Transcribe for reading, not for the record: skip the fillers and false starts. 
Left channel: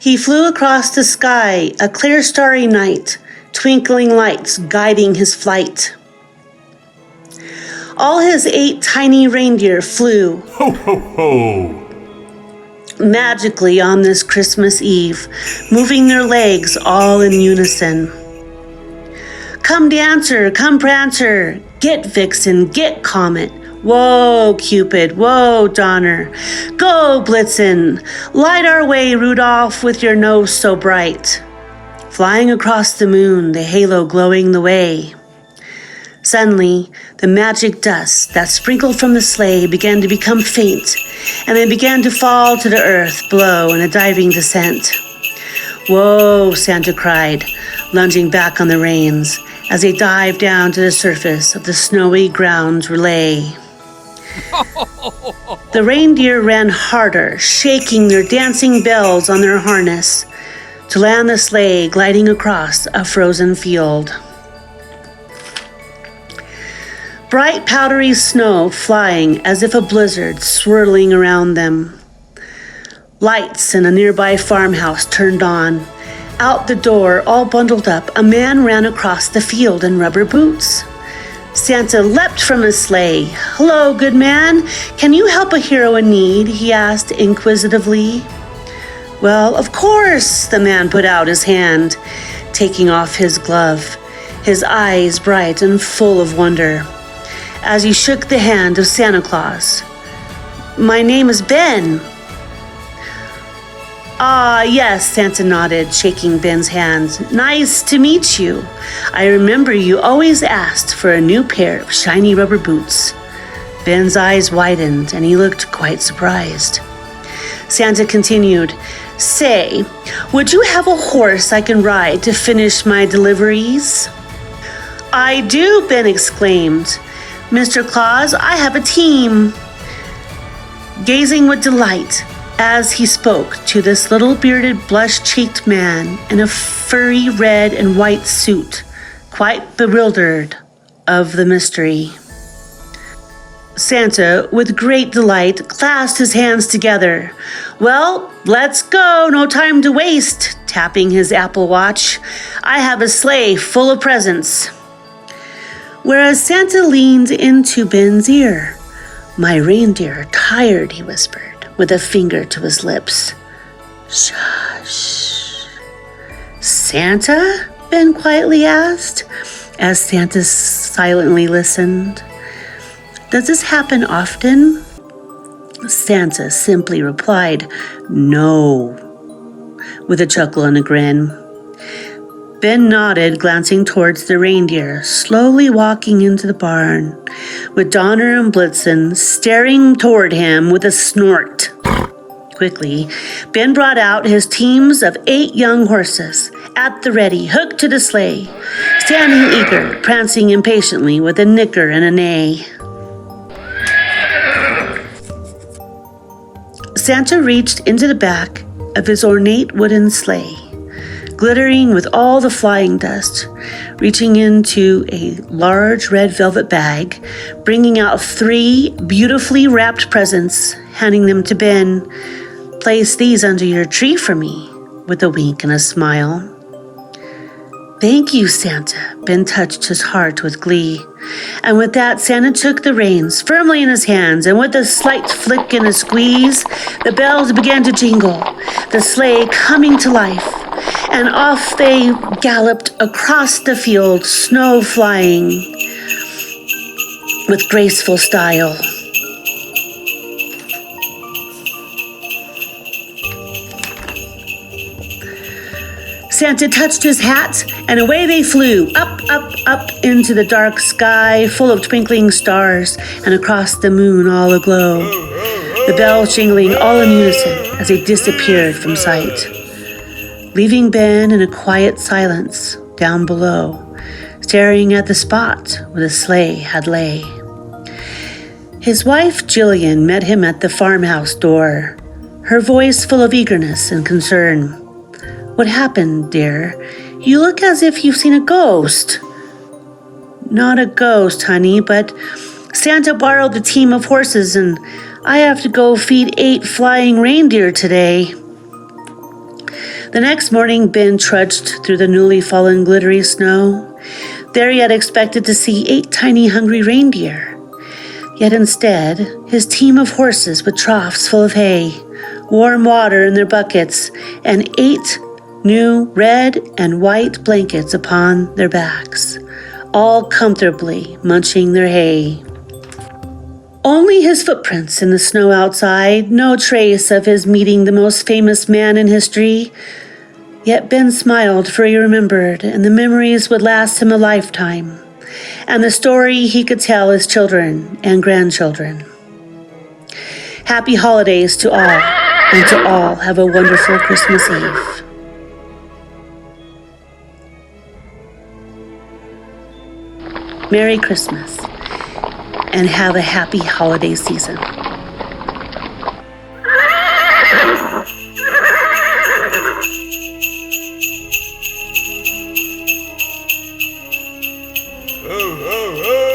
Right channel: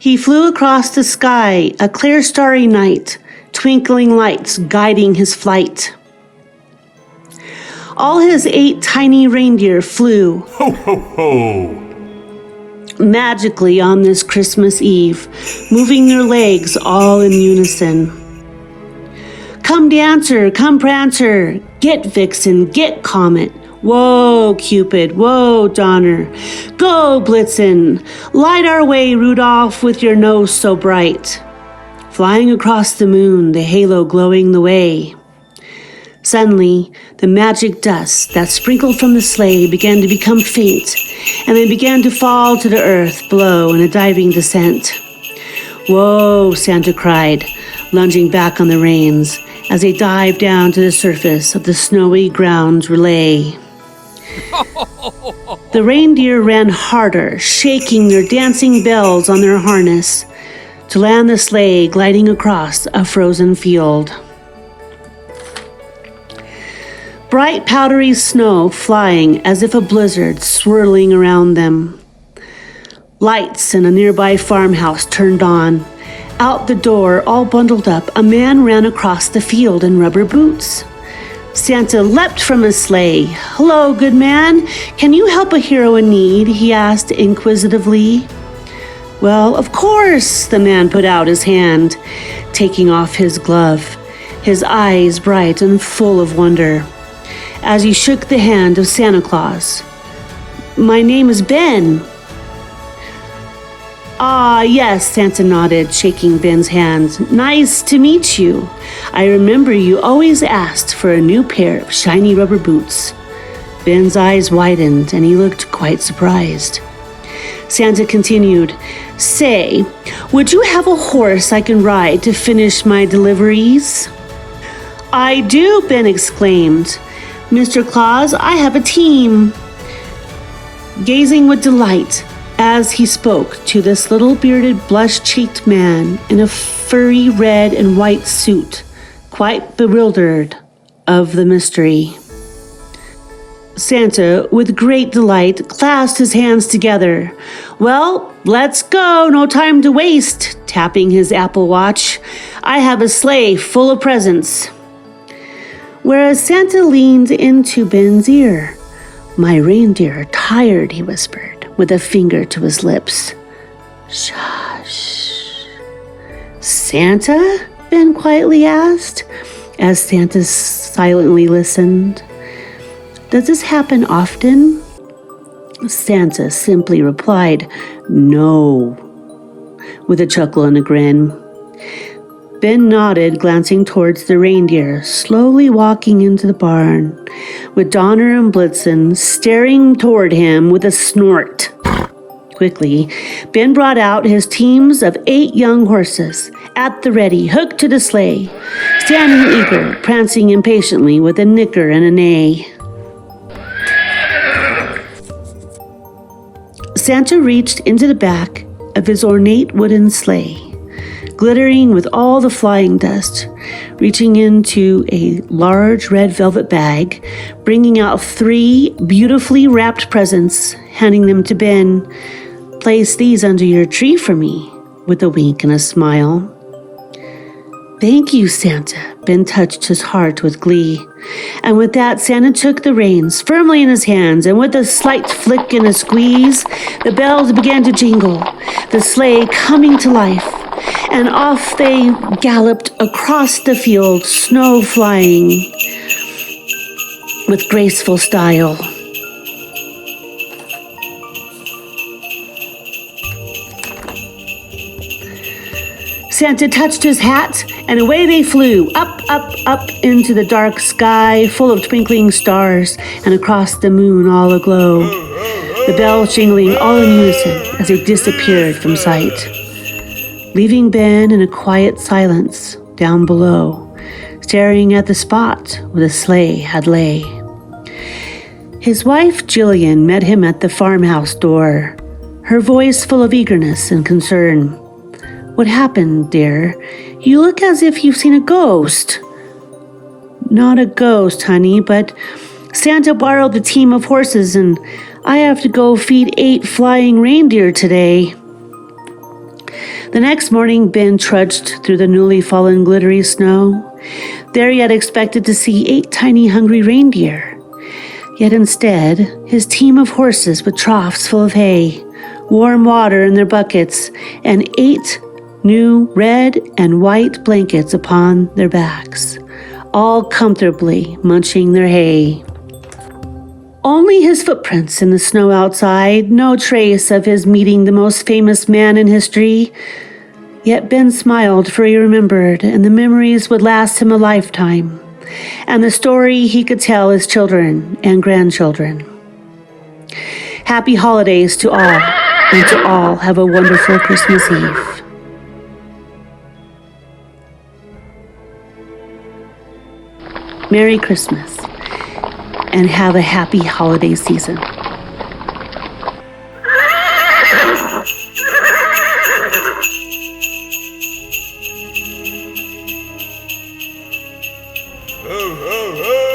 He flew across the sky, a clear starry night, twinkling lights guiding his flight. All his 8 tiny reindeer flew. Ho, ho, ho! Magically on this Christmas Eve, moving their legs all in unison. Come Dancer, come Prancer, get Vixen, get Comet. Whoa, Cupid, whoa, Donner. Go, Blitzen, light our way, Rudolph, with your nose so bright. Flying across the moon, the halo glowing the way. Suddenly, the magic dust that sprinkled from the sleigh began to become faint, and they began to fall to the earth below in a diving descent. Whoa, Santa cried, lunging back on the reins as they dived down to the surface of the snowy ground relay. The reindeer ran harder, shaking their dancing bells on their harness to land the sleigh gliding across a frozen field. Bright powdery snow flying as if a blizzard swirling around them. Lights in a nearby farmhouse turned on. Out the door, all bundled up, a man ran across the field in rubber boots. Santa leapt from his sleigh. "Hello, good man. Can you help a hero in need?" he asked inquisitively. "Well, of course," the man put out his hand, taking off his glove, his eyes bright and full of wonder, as he shook the hand of Santa Claus. "My name is Ben." "Ah, yes," Santa nodded, shaking Ben's hand. "Nice to meet you. I remember you always asked for a new pair of shiny rubber boots." Ben's eyes widened, and he looked quite surprised. Santa continued, "Say, would you have a horse I can ride to finish my deliveries?" "I do," Ben exclaimed. "Mr. Claus, I have a team." Gazing with delight as he spoke to this little bearded, blush-cheeked man in a furry red and white suit, quite bewildered of the mystery. Santa, with great delight, clasped his hands together. "Well, let's go, no time to waste," tapping his Apple Watch. "I have a sleigh full of presents." Whereas Santa leaned into Ben's ear. "My reindeer are tired," he whispered, with a finger to his lips. "Shush." "Santa?" Ben quietly asked, as Santa silently listened. "Does this happen often?" Santa simply replied, "No," with a chuckle and a grin. Ben nodded, glancing towards the reindeer, slowly walking into the barn, with Donner and Blitzen staring toward him with a snort. Quickly, Ben brought out his teams of 8 young horses, at the ready, hooked to the sleigh, standing eager, prancing impatiently with a nicker and a neigh. Santa reached into the back of his ornate wooden sleigh, glittering with all the flying dust, reaching into a large red velvet bag, bringing out 3 beautifully wrapped presents, handing them to Ben. "Place these under your tree for me," with a wink and a smile. "Thank you, Santa." Ben touched his heart with glee. And with that, Santa took the reins firmly in his hands, and with a slight flick and a squeeze, the bells began to jingle, the sleigh coming to life, and off they galloped across the field, snow flying with graceful style. Santa touched his hat, and away they flew, up, up, up into the dark sky full of twinkling stars, and across the moon all aglow, the bells jingling all in unison as they disappeared from sight, leaving Ben in a quiet silence down below, staring at the spot where the sleigh had lay. His wife, Jillian, met him at the farmhouse door, her voice full of eagerness and concern. "What happened, dear? You look as if you've seen a ghost." "Not a ghost, honey, but Santa borrowed the team of horses, and I have to go feed 8 flying reindeer today." The next morning, Ben trudged through the newly fallen glittery snow. There he had expected to see 8 tiny hungry reindeer. Yet instead, his team of horses with troughs full of hay, warm water in their buckets, and 8 new red and white blankets upon their backs, all comfortably munching their hay. Only his footprints in the snow outside, no trace of his meeting the most famous man in history. Yet Ben smiled, for he remembered, and the memories would last him a lifetime, and the story he could tell his children and grandchildren. Happy holidays to all, and to all have a wonderful Christmas Eve. Merry Christmas, and have a happy holiday season. Ho, ho, ho!